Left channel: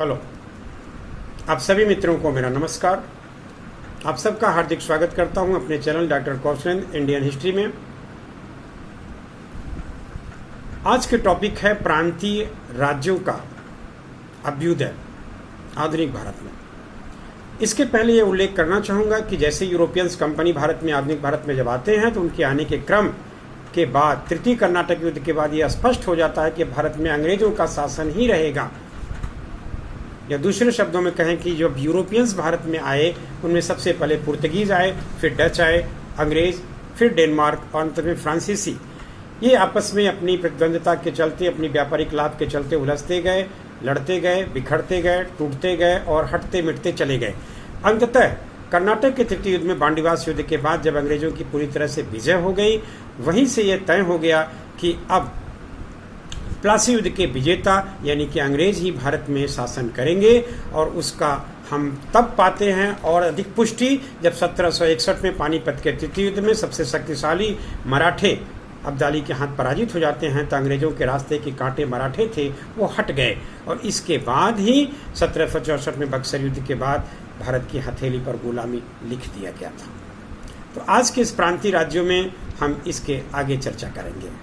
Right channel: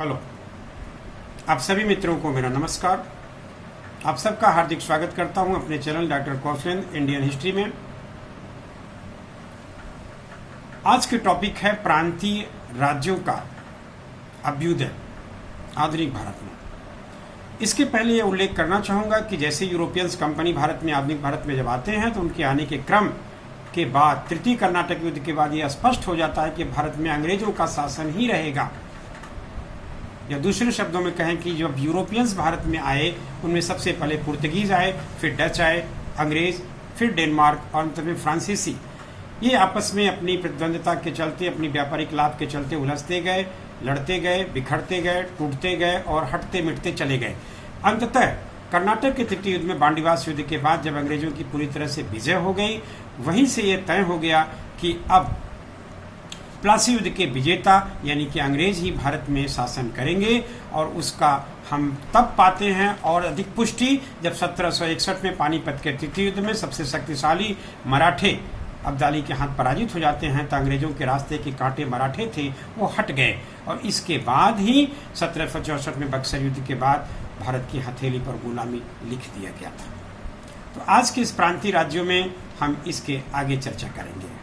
Hello, आप सभी मित्रों को मेरा नमस्कार। आप सबका हार्दिक स्वागत करता हूं अपने channel doctor Kaushalendra Indian history में। आज के टॉपिक है प्रांतीय राज्यों का अभ्युदय आधुनिक भारत में। इसके पहले यह उल्लेख करना चाहूंगा कि जैसे यूरोपियंस कंपनी भारत में आधुनिक भारत में जब आते हैं तो उनके आने के क्रम के बाद तृतीय कर्नाटक युद्ध के बाद यह स्पष्ट हो जाता है कि भारत में अंग्रेजों का शासन ही रहेगा। या दूसरे शब्दों में कहें कि जब यूरोपियंस भारत में आए उनमें सबसे पहले पुर्तगीज आए, फिर डच आए, अंग्रेज, फिर डेनमार्क और अंत में फ्रांसीसी। ये आपस में अपनी प्रतिद्वंद्विता के चलते, अपनी व्यापारिक लाभ के चलते उलझते गए, लड़ते गए, बिखरते गए, टूटते गए और हटते मिटते चले गए। अंततः कर्नाटक के तृतीय युद्ध में बांडीवास युद्ध के बाद जब अंग्रेजों की पूरी तरह से विजय हो गई, वहीं से यह तय हो गया कि अब प्लासी युद्ध के विजेता यानी कि अंग्रेज ही भारत में शासन करेंगे। और उसका हम तब पाते हैं और अधिक पुष्टि जब 1761 में पानीपत के तृतीय युद्ध में सबसे शक्तिशाली मराठे अब्दाली के हाथ पराजित हो जाते हैं। तो अंग्रेजों के रास्ते के कांटे मराठे थे वो हट गए और इसके बाद ही 1764 में बक्सर युद्ध के बाद भारत की हथेली पर गुलामी लिख दिया गया था। तो आज के इस प्रांतीय राज्यों में हम इसके आगे चर्चा करेंगे।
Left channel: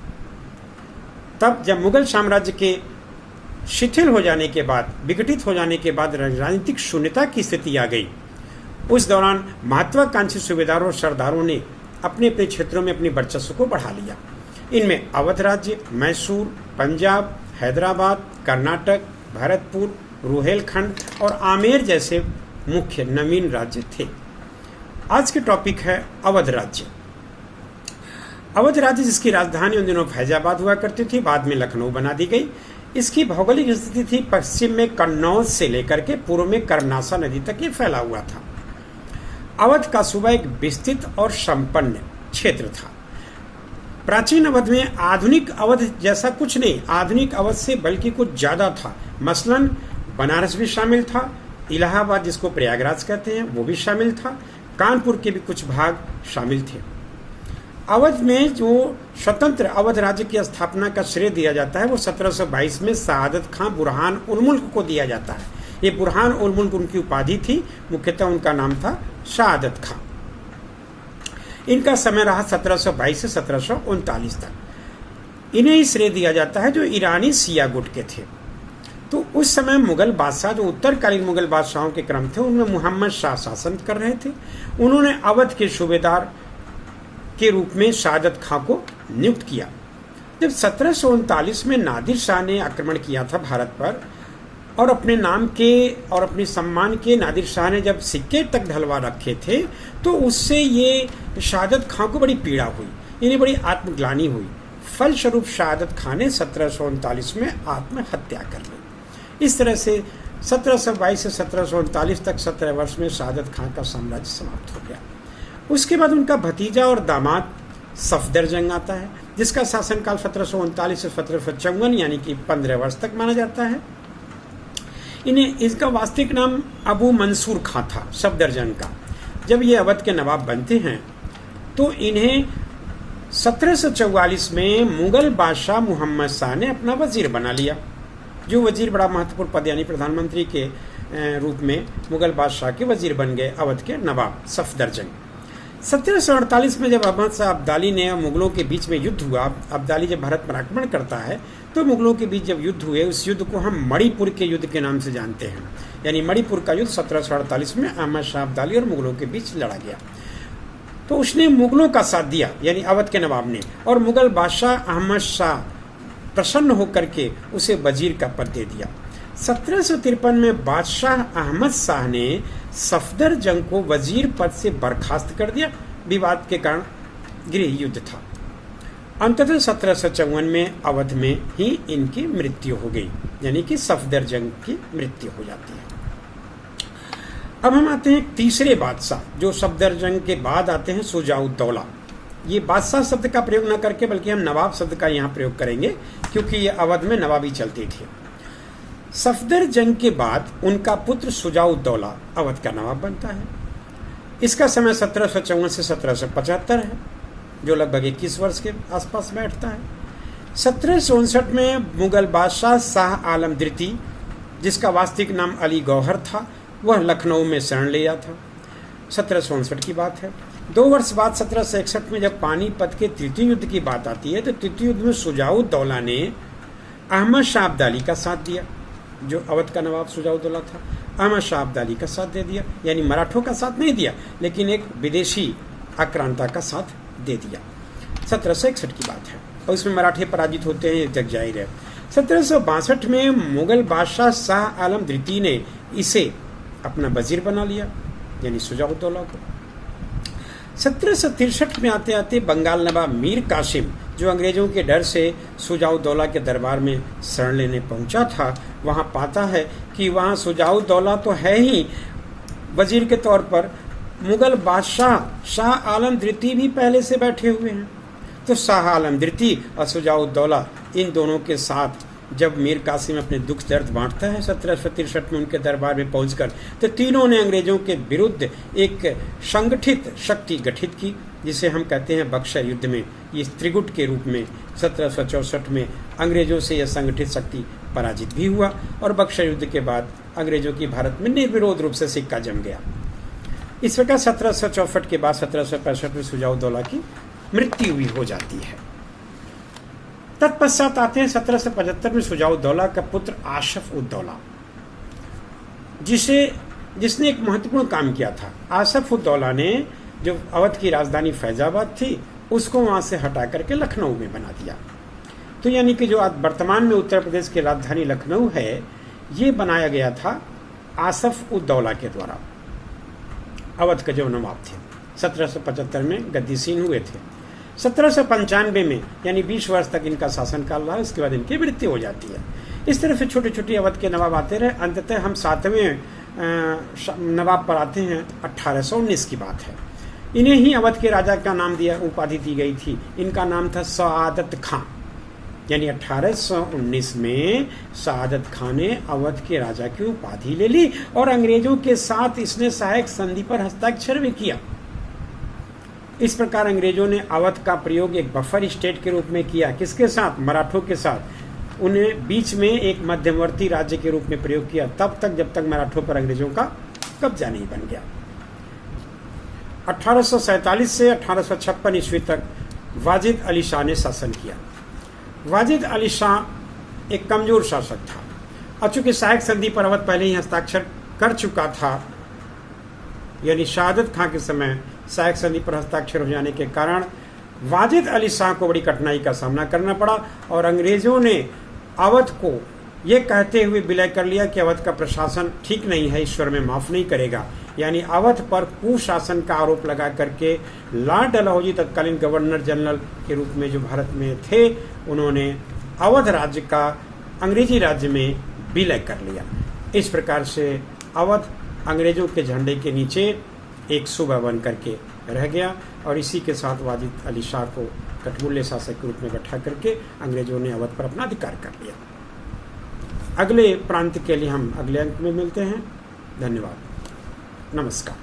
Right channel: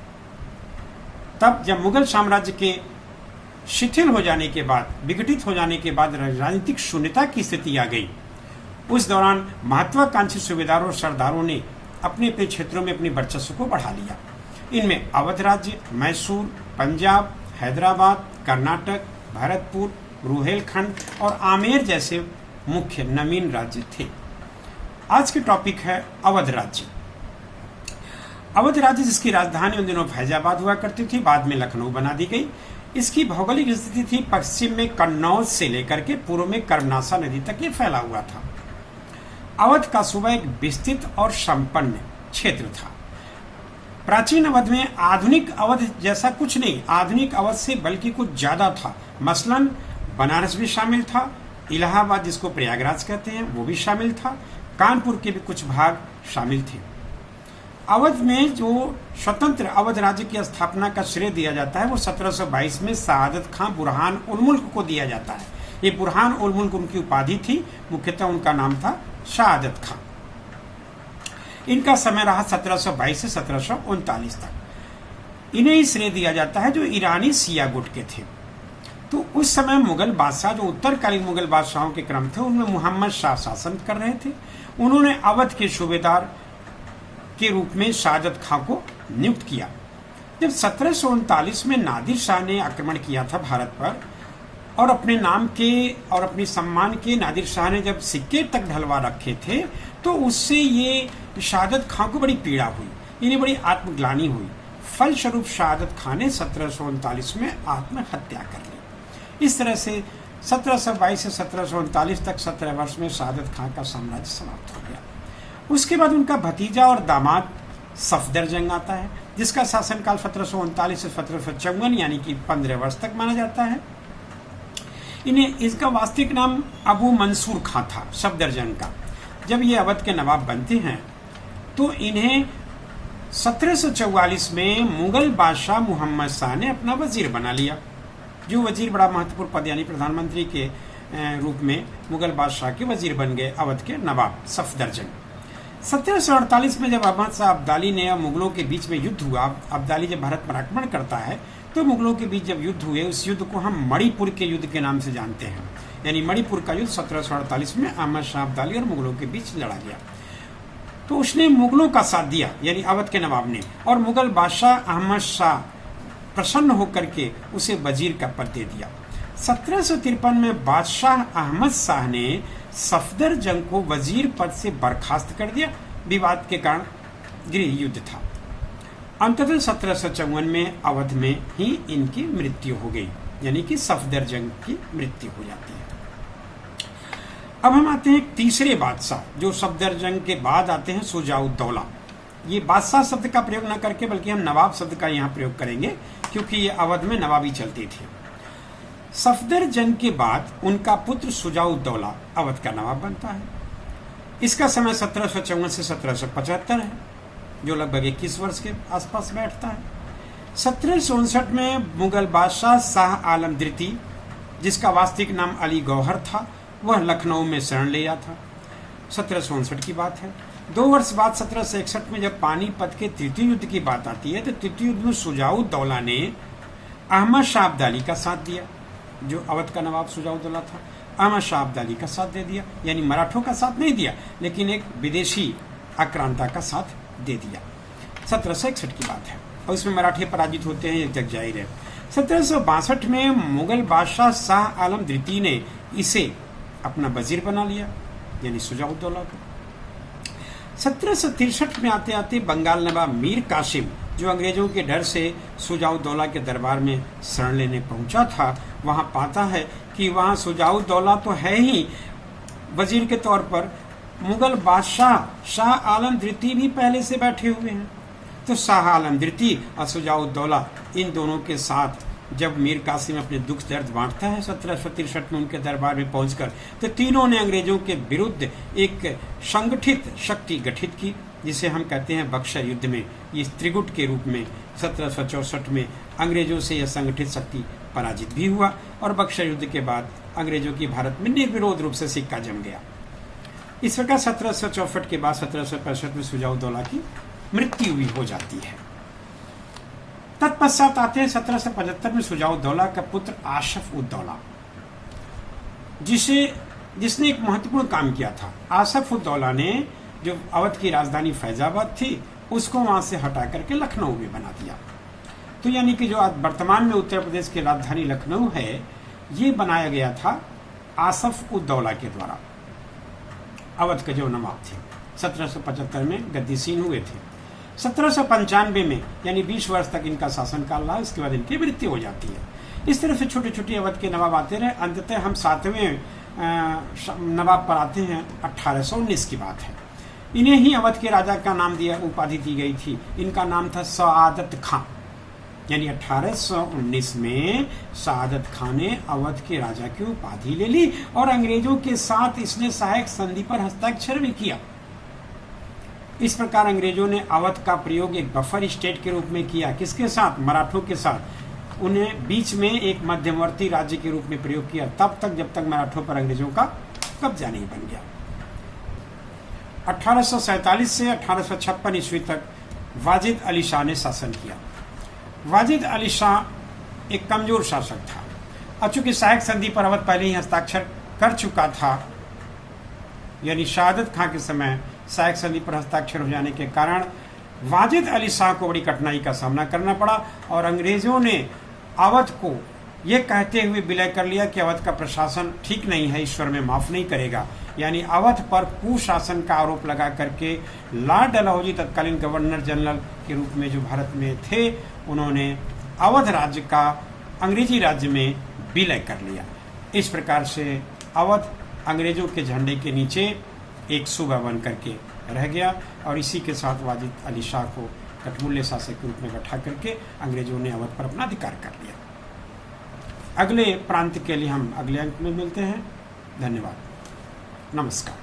तब जब मुगल साम्राज्य के शिथिल हो जाने के बाद, विघटित हो जाने के बाद राजनीतिक शून्यता की स्थिति आ गई, उस दौरान महत्वाकांक्षी सूबेदारों और सरदारों ने अपने अपने क्षेत्रों में अपनी वर्चस्व को बढ़ा लिया। इनमें अवध राज्य, मैसूर, पंजाब, हैदराबाद, कर्नाटक, भरतपुर, रुहेलखंड और आमेर जैसे मुख्य नवीन राज्य थे। आज के टॉपिक है अवध राज्य। अवध राज्य जिसकी राजधानी उन दिनों फैजाबाद हुआ करती थी, बाद में लखनऊ बना दी गई। इसकी भौगोलिक स्थिति थी पश्चिम में कन्नौज से लेकर के पूर्व में कर्मनासा नदी तक ये फैला हुआ था। अवध का सूबा एक विस्तृत और संपन्न क्षेत्र था। प्राचीन अवध में आधुनिक अवध जैसा कुछ नहीं, आधुनिक अवध से बल्कि कुछ ज्यादा था। मसलन बनारस भी शामिल था, इलाहाबाद जिसको प्रयागराज कहते हैं वो भी शामिल था, कानपुर के भी कुछ भाग शामिल थे। अवध में जो स्वतंत्र अवध राज्य की स्थापना का श्रेय दिया जाता है वो 1722 में शहादत खां बुरहान उल मुल्क को दिया जाता है। ये बुरहान उल मुल्क उनकी उपाधि थी, मुख्यतः उनका नाम था शहादत खां। इनका समय रहा 1722 से 1739 तक। इन्हें ही श्रेय दिया जाता है जो ईरानी सिया गुट के थे। तो उस समय मुगल बादशाह जो उत्तरकालीन मुगल बादशाहों के क्रम थे उनमें मोहम्मद शाह शासन कर रहे थे। उन्होंने अवध के सूबेदार के रूप में शहादत खां को नियुक्त किया। जब 1739 में नादिर शाह ने आक्रमण किया था भारत पर और अपने नाम के और अपने सम्मान के नादिर शाह ने जब सिक्के तक ढलवा रखे थे तो उससे ये शहादत खां को बड़ी पीड़ा हुई, इन्हें बड़ी आत्मग्लानि हुई। फलस्वरूप शहादत खां ने 1739 में आत्महत्या कर ली। इस तरह से 1722 से 1739 तक 17 वर्ष में शहादत खां का साम्राज्य समाप्त हो गया। उसके बाद उनका भतीजा और दामाद सफदरजंग आता है जिसका शासनकाल 1739 से 1754 यानी कि 15 वर्ष तक माना जाता है। इन्हें इसका वास्तविक नाम अबू मंसूर खां था सफदरजंग का। जब ये अवध के नवाब बनते हैं तो इन्हें 1744 में मुगल बादशाह मोहम्मद शाह ने अपना वजीर बना लिया। जो वजीर बड़ा महत्वपूर्ण पद यानी प्रधानमंत्री के रूप में मुगल बादशाह के वजीर बन गए अवध के नवाब सफदरजंग। 1748 में जब अहमद शाह अब्दाली ने मुगलों के बीच में युद्ध हुआ, अब्दाली जब भारत पर आक्रमण करता है तो मुगलों के बीच जब युद्ध हुए उस युद्ध को हम मणिपुर के युद्ध के नाम से जानते हैं। यानी मणिपुर का युद्ध 1748 में अहमद शाह अब्दाली और मुगलों के बीच लड़ा गया। तो उसने मुगलों का साथ दिया यानी अवध के नवाब ने, और मुगल बादशाह अहमद शाह प्रसन्न होकर के उसे वजीर का पद दे दिया। 1753 में बादशाह अहमद शाह ने सफदरजंग को वजीर पद से बर्खास्त कर दिया। विवाद के कारण गृह युद्ध था। अंततः 1754 में अवध में ही इनकी मृत्यु हो गई, यानी कि सफदरजंग की मृत्यु हो जाती है। अब हम आते हैं तीसरे बादशाह जो सफदरजंग के बाद आते हैं शुजाउद्दौला। ये बादशाह शब्द का प्रयोग न करके बल्कि हम नवाब शब्द का यहाँ प्रयोग करेंगे क्योंकि ये अवध में नवाबी चलती थी। सफदरजंग के बाद उनका पुत्र शुजाउद्दौला अवध का नवाब बनता है। इसका समय 1754 से 1775 है जो लगभग 21 वर्ष के आसपास बैठता है। 1759 में मुगल बादशाह शाह आलम द्वितीय जिसका वास्तविक नाम अली गौहर था, वह लखनऊ में शरण लिया था। 1759 की बात है। 2 वर्ष बाद 1761 में जब पानीपत के तृतीय युद्ध की बात आती है तो तृतीय युद्ध में सुजाउद्दौला ने अहमद शाह अब्दाली का साथ दिया, जो अवध का नवाब सुजाउद्दौला था। अहमद शाह अब्दाली का साथ दे दिया, यानी मराठों का साथ नहीं दिया, लेकिन एक विदेशी आक्रांता का साथ दे दिया। 1761 की बात है और इसमें मराठे पराजित होते हैं, ये जग जाहिर है। 1762 में मुगल बादशाह शाह आलम द्वितीय ने इसे अपना वजीर बना लिया, यानी सुजाउद्दौला को। 1763 में आते आते बंगाल नवाब मीर कासिम, जो अंग्रेजों के डर से सुजाउद्दौला के दरबार में शरण लेने पहुंचा था, वहां पाता है कि वहां सुजाउद्दौला तो है ही वजीर के तौर पर, मुगल बादशाह शाह आलम द्वितीय भी पहले से बैठे हुए हैं। तो शाह आलम द्वितीय और सुजाउद्दौला, इन दोनों के साथ जब मीर कासिम अपने दुख दर्द बांटता है 1763 में उनके दरबार में पहुंचकर, तो तीनों ने अंग्रेजों के विरुद्ध एक संगठित शक्ति गठित की, जिसे हम कहते हैं बक्सर युद्ध में। इस त्रिगुट के रूप में 1764 में अंग्रेजों से यह संगठित शक्ति पराजित भी हुआ और बक्सर युद्ध के बाद अंग्रेजों की भारत में निर्विरोध रूप से सिक्का जम गया। इस प्रकार 1764 के बाद 1765 में सुजाउद्दौला की मृत्यु भी हो जाती है। तत्पश्चात आते हैं 1775 में सुजाउद्दौला का पुत्र आसफ उद्दौला, जिसने एक महत्वपूर्ण काम किया था। आसफ उद्दौला ने जो अवध की राजधानी फैजाबाद थी, उसको वहां से हटा करके लखनऊ में बना दिया। तो यानी कि जो आज वर्तमान में उत्तर प्रदेश की राजधानी लखनऊ है, ये बनाया गया था आसफ उद्दौला के द्वारा। अवध के जो नवाब थे 1775 में गद्दीसीन हुए थे। 1795 में, यानी 20 वर्ष तक इनका शासनकाल रहा, इसके बाद इनकी मृत्यु हो जाती है। इस तरह से छोटे छोटे अवध के नवाब आते रहे। अंततः हम 7वें नवाब पर आते हैं। 1819 की बात है। इन्हें ही अवध के राजा का नाम दिया, उपाधि दी गई थी। इनका नाम था सआदत खां, यानी 1819 में सआदत खां ने अवध के राजा की उपाधि ले ली और अंग्रेजों के साथ इसने सहायक संधि पर हस्ताक्षर भी किया। इस प्रकार अंग्रेजों ने अवध का प्रयोग एक बफर स्टेट के रूप में किया। किसके साथ? मराठों के साथ। उन्हें बीच में एक मध्यवर्ती राज्य के रूप में प्रयोग किया, तब तक जब तक मराठों पर अंग्रेजों का कब्जा नहीं बन गया। 1847 से 1856 ईस्वी तक वाजिद अली शाह ने शासन किया। वाजिद अली शाह एक कमजोर शासक था। अब चूंकि सहायक संधि पर अवध पहले ही हस्ताक्षर कर चुका था, यानी शहादत खां के समय सहायक संधि पर हस्ताक्षर हो जाने के कारण वाजिद अली शाह को बड़ी कठिनाई का सामना करना पड़ा और अंग्रेजों ने अवध को यह कहते हुए विलय कर लिया कि अवध का प्रशासन ठीक नहीं है, ईश्वर में माफ नहीं करेगा। यानी अवध पर कुशासन का आरोप लगा करके लॉर्ड डलहौजी तत्कालीन गवर्नर जनरल के रूप में जो भारत में थे, उन्होंने अवध राज्य का अंग्रेजी राज्य में विलय कर लिया। इस प्रकार से अवध अंग्रेजों के झंडे के नीचे एक सूबा बन करके रह गया और इसी के साथ वाजिद अली शाह को कठमुल्ले शासक के रूप में बैठा करके अंग्रेजों ने अवध पर अपना अधिकार कर लिया। अगले प्रांत के लिए हम अगले अंक में मिलते हैं। धन्यवाद, नमस्कार।